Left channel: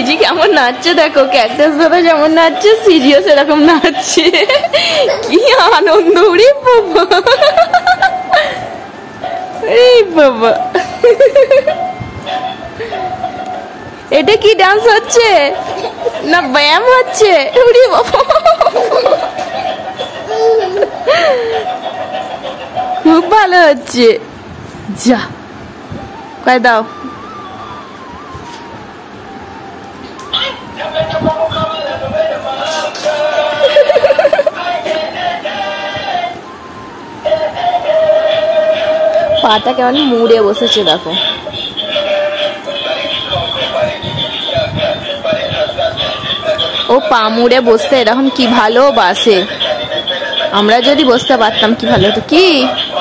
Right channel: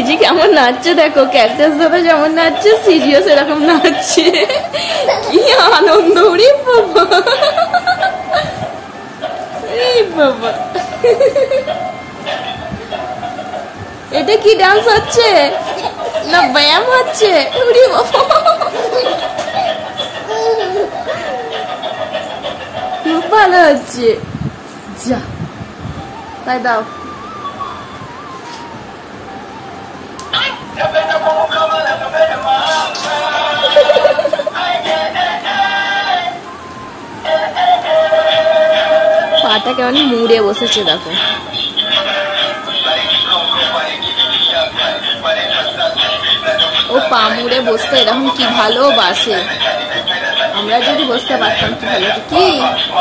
CG কেমন নাচছে দেখো, ক্যাকটাস দাদা যেমন নাচছে সিজিও সেরকম নাচছে। কি আনন্দ রে বাবা, এই বাবা এটা কি ডান্স হচ্ছে না ব্যায়াম হচ্ছে? উড়ি বাবা খুব ভালো হচ্ছে। যা কয় দাও। পাটা কেমন মুড়ে বসেছে দেখো। ও পা মুড়ে বসতে এরকম কি ভালোবাসে। আমরা যদি বসতে পারতাম কি ভালো হতো। কি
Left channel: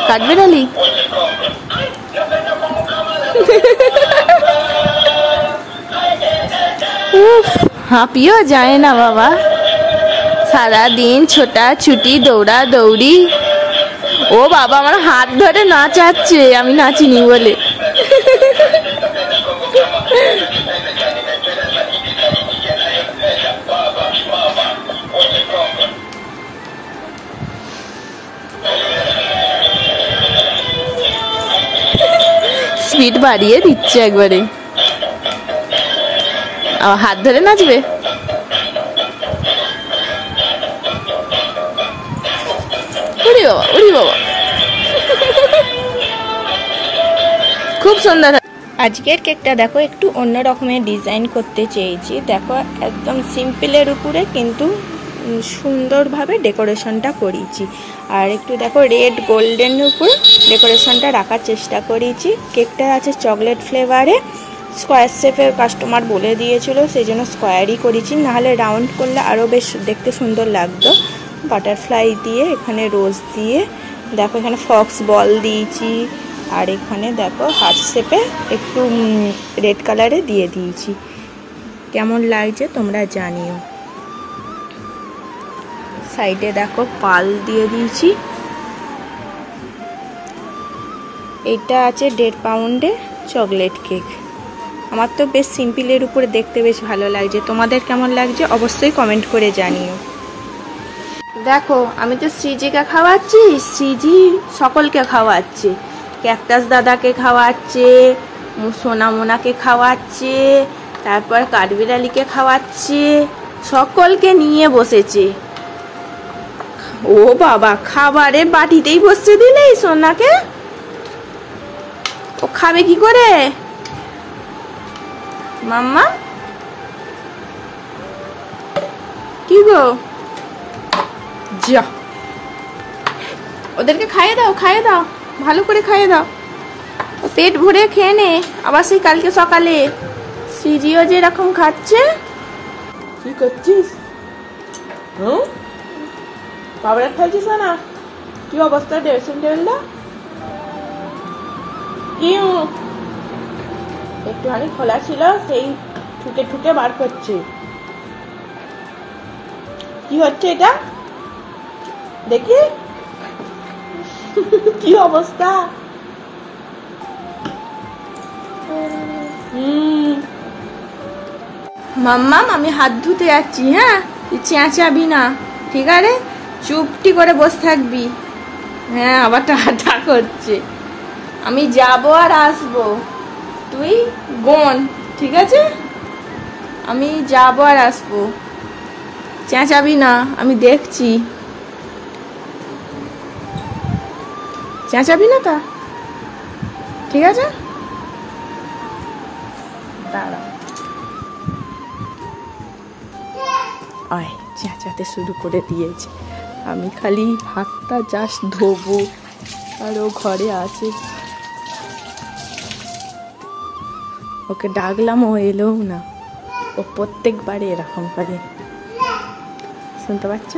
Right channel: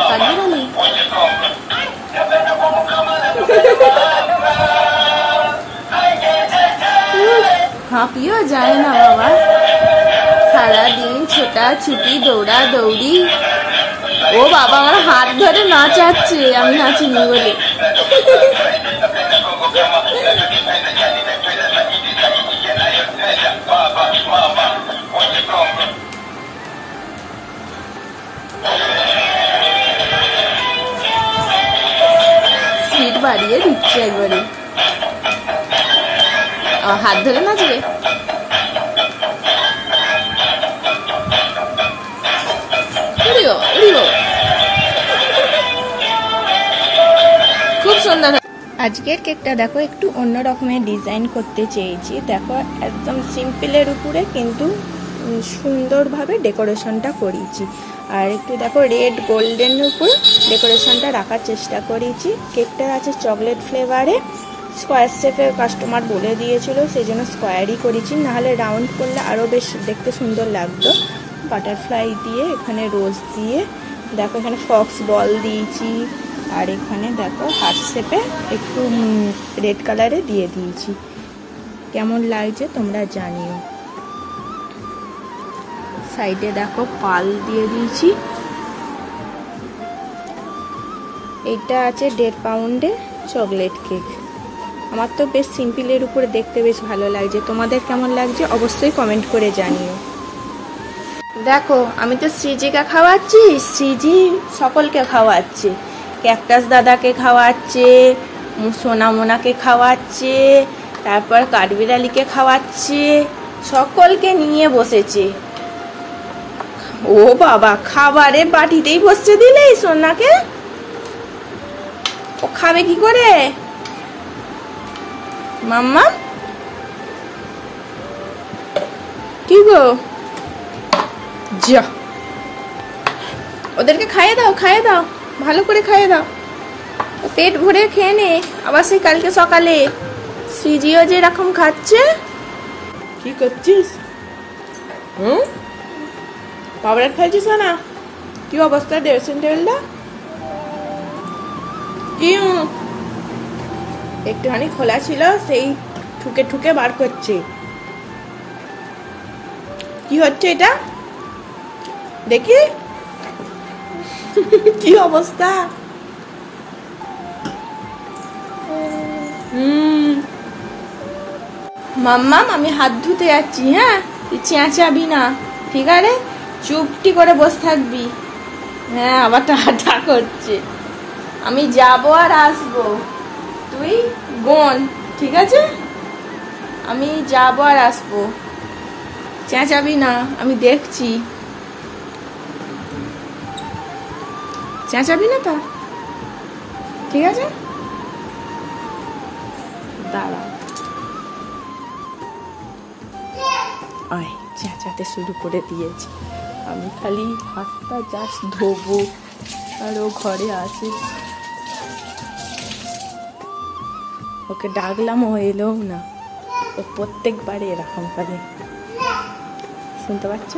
কাঠবিড়ালি? হাঁপিও যায় না বাবা, সারাদিন ছোটা ছুটি দৌড়া দৌড়ি। ও বাবা আমার হাত ধরে নাচাচ্ছে, আমি নাচিনি বলে। স্পিড বাড়িয়ে দিচ্ছে একবারে। হাত ধরে নাচবে। ওরে বাবা ওরে বাবা খুব সুন্দর। আজকের কেকটা দেখো একটু অন্য রকমের ডিজাইন করতে চেয়েছি। দেখো একদম সিম্পলের উপরে কিন্তু সুন্দরভাবে ডেকোরেশনটা করেছি। আর একটু দেখো রেড গোল্ডেন উপর ডেকোরেশনটা রাখার চেষ্টা করেছি। কেকটা আছে চকলেট ফ্লেভারে, স্কোয়ার শেপের কাস্টমার বলে দিয়েছিল, সেই জন্য স্কোয়ারই করেছি, নাহলে রাউন্ড করলে আরও বেশ দেখতে সুন্দর লাগতো। বাটারফ্লাই দিয়ে, এখানে রোজ দিয়ে, দেখো এখানে ফক্স বল দিয়েছি। আর এখানে দেখো হার্ট শেপে একটু রেড কালারে দিয়ে দিয়েছি। কেমন লাগছে তোমরা জানিও। সাইডে দেখো পাল দিয়ে দিয়েছি। এটা আছে 1.5 পাউন্ডের চকলেট কেক। আমার তো বেশ সিম্পলের উপরে দেখতে বেশ ভালো লাগছে। তোমাদের কেমন লাগছে অবশ্যই কমেন্ট করে জানিও। দেখো আমি তো সিজিকে খাওয়াচ্ছি, সিজি সকলকে খাওয়াচ্ছে। ক্যাকটাস দাদাকে খাওয়াচ্ছে, সোনামোনাকে খাওয়াচ্ছে, তারপর কাঠবিড়ালিকে খাওয়াচ্ছে, সকলকে নিয়ে বসেছে। ও বাবা খাবারের বাটিতেই বসছে দিলে সোনাকে। ও খাবে কি করে মাম্মা? কি গো, যা ওদেরকে খাইয়ে দাও, খাইয়ে দাও, ভালো করে খাইয়ে দাও। পেট ভরে খেয়ে নে, আবার সেই কালকে সকালে। সিজিও যেরকম খাচ্ছে। কি করছিস? পাউডার খাইছিস না? কি অবস্থা ড্রেসিং টেবিলটা? কি একটুখানি খোলা ছিল, সেই ঠুকে ঠুকে বার করছে। কি হচ্ছে এটা দেখি। কি অবস্থা। মাম্মাম আমি হাত ধুতে যাচ্ছি। হ্যাঁ তুই চেঁচাবি না, ঠিক আছে? চুপটি করে বসে থাকবি। হ্যাঁ আবার টাটা করছে। আমি যাবো আর আসবো, তুই গোন, ঠিক আছে? আমি যাবো আর আসবো, চেঁচাবি না, আমি দেখছি। চেঁচাবি না তা, ঠিক আছে? দাঁড়া, আয়, চেঁচাতে শুরু করে দিয়েছি। আমি খালি হাতটা জাস্ট ধোবো আর ও ঘরে আসে। ওকে ডাকলাম, ও এলোও না। ও প্রত্যেকবারে এরকম করে, শুনতে পাচ্ছ?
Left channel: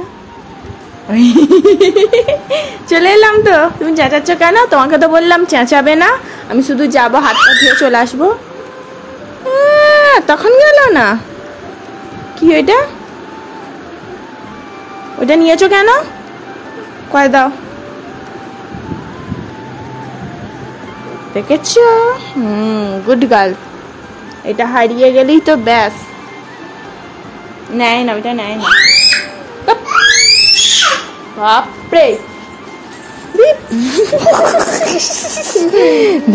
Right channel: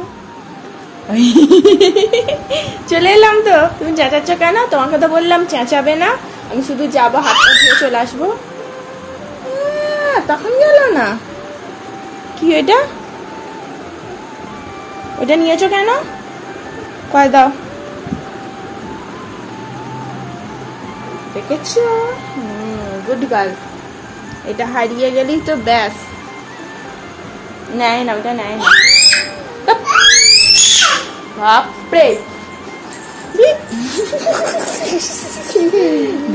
চলে এলাম তো, তুমি চেঁচাচ্ছ কেন? তোমাকে তো বললাম চেঁচাবে না, আমি শুধু যাবো, হাতটা ধুয়ে চলে আসবো। তখন গেল না। কি ওইটা? ওটা নিয়েছো কেন? কয় দাও। দেখেছ? Good girl. এটা হারিয়ে গেলেই তো ব্যাস, নেয় না, ওটা নেয় না। বাপরে,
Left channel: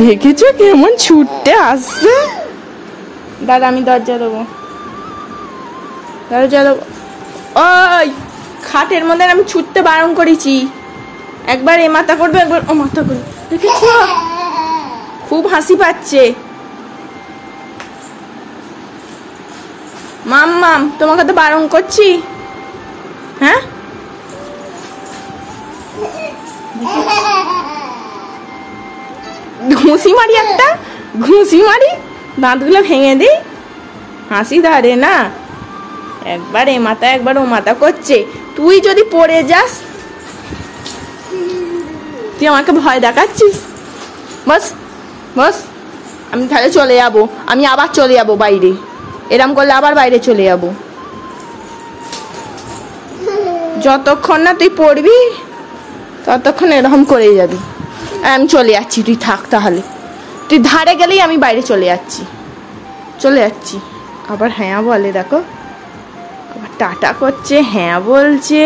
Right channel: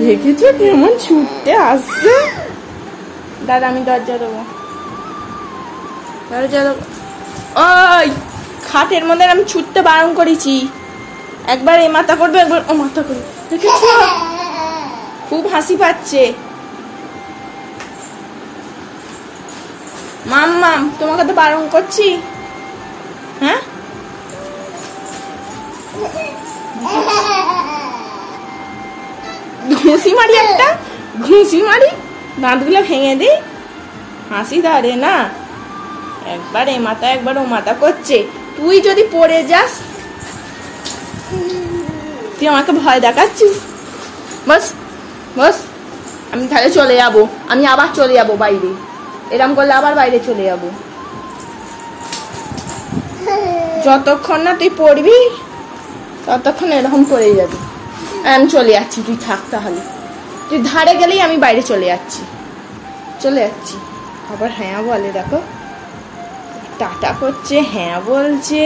দেখেছো কেমন ছুটতে আসছে। দাদা আমি দরজা দেবো, দরজা দেবো। ওই খাটের মধ্যে আমি ছুটতে বারণ করেছি, একবার এ মাথা করবে একবার ও মাথা করবে, দেখেছো? খুব হাসি পাচ্ছে। মাম মাম তোমাকে তো বারণ করছি। হ্যাঁ ঘুষি মারি, একটা ঘুষি মারি, দাঁতগুলো ভেঙে দিই। হাসি ধরে না, একবার এ মাথা একবার ও মাথা করছে। তুই যদি পড়ে যাস, তুই আমাকে ভয় দেখাচ্ছিস। বস বস, আমি তাহলে চলে যাবো, আমি আবার চলে যাবো বাইরে। এরম করলে আবার বাইরে চলে যাবো। যতক্ষণ না তুই পড়বি ততক্ষণ এরকম করে যাবি। আর আমি চলে যাচ্ছি, তুই থাক তাহলে। তুই ধারে গেলেই আমি বাইরে চলে যাচ্ছি, চলে যাচ্ছি। আবার হ্যাঁ বলে, দেখো টাটা করছে, হ্যাঁ বলছে।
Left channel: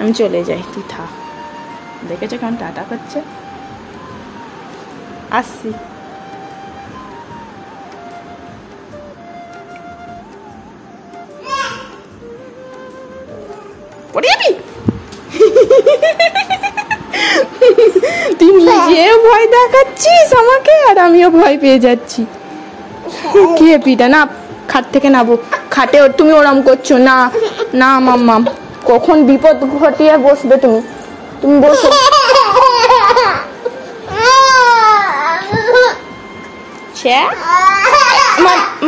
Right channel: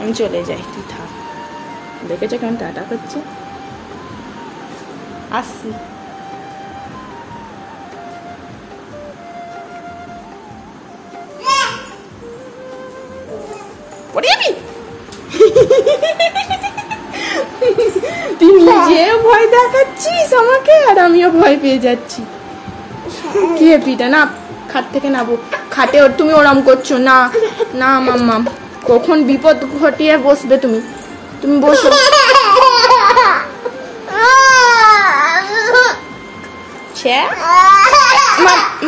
আমি চলে যাই, তুই থাক। দেখেছো কেমন টাটা করছে? আসছি। তুই নিজে ভয় দেখাচ্ছিস আমাকে, আর আমিও ভয় পেয়ে যাচ্ছি। কি পিটা না, খাট থেকে নাবো। খাটে তুমি ওরম করছো না, না মাম্মাম, কখন বিপদ ঘটিয়ে বসবে তুমি। তুমি বসো।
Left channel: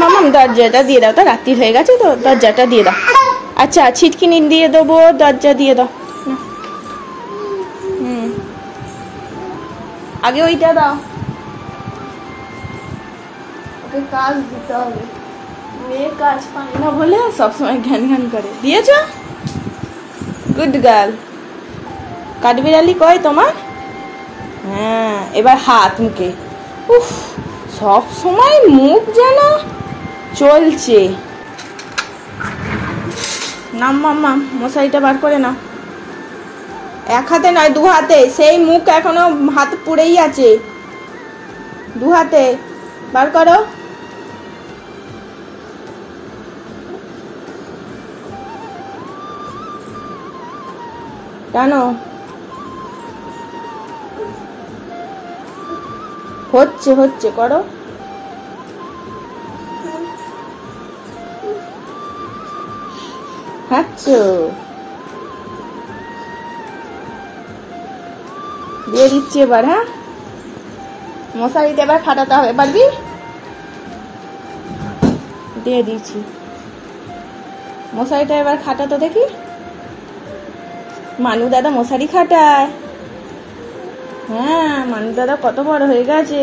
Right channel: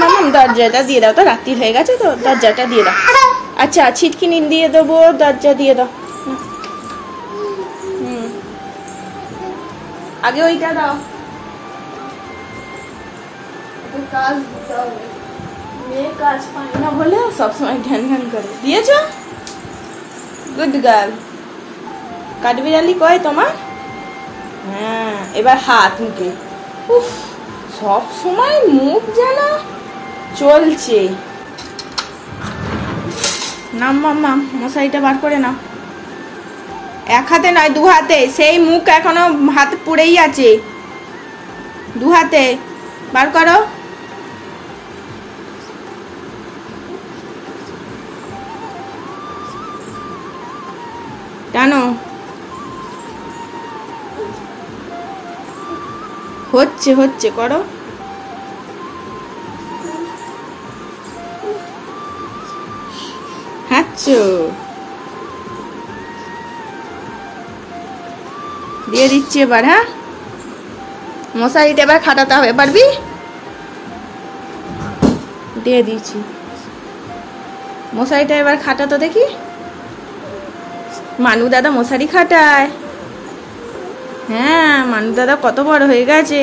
মামাম দরজাটা দিয়ে দাও তো, রাত্রি হয়ে গেছে তো, দরজাটা দিয়ে দাও। আচ্ছা ছিটকিনি দিয়ে দেবো, দরজা দিয়ে দাও। আগে ওইটা দাও, কাজ দিতে হবে। মেয়ে কাজ পায় না বলে সবসময় ধ্যান ধ্যান করে। দিয়েছ? Good girl. কাঠবিড়ালি কয় তোমার? হ্যাঁ, এবার হাত মুখে। উফ, সব সময় মুখ যেন চলছে। নাম মাম্মা, মশারিটা বার করে না। এক হাতে নয়, দু হাতে। সেই মুখ এখনো হাত পুড়েই আছে। দু হাতে বার করো। জানো হচ্ছে হচ্ছে, করো। হাঁচো দিয়ে দিচ্ছি এবার। হ্যাঁ, মশারিটা এবার খাটাতে হবে, পারবি? দিয়ে দিচ্ছি মশারিটা, এবার খাটাতো দেখি। মানু দাদা মশারি খাটায়। হ্যাঁ, মানু দাদা কত বড় হয়ে গেছে।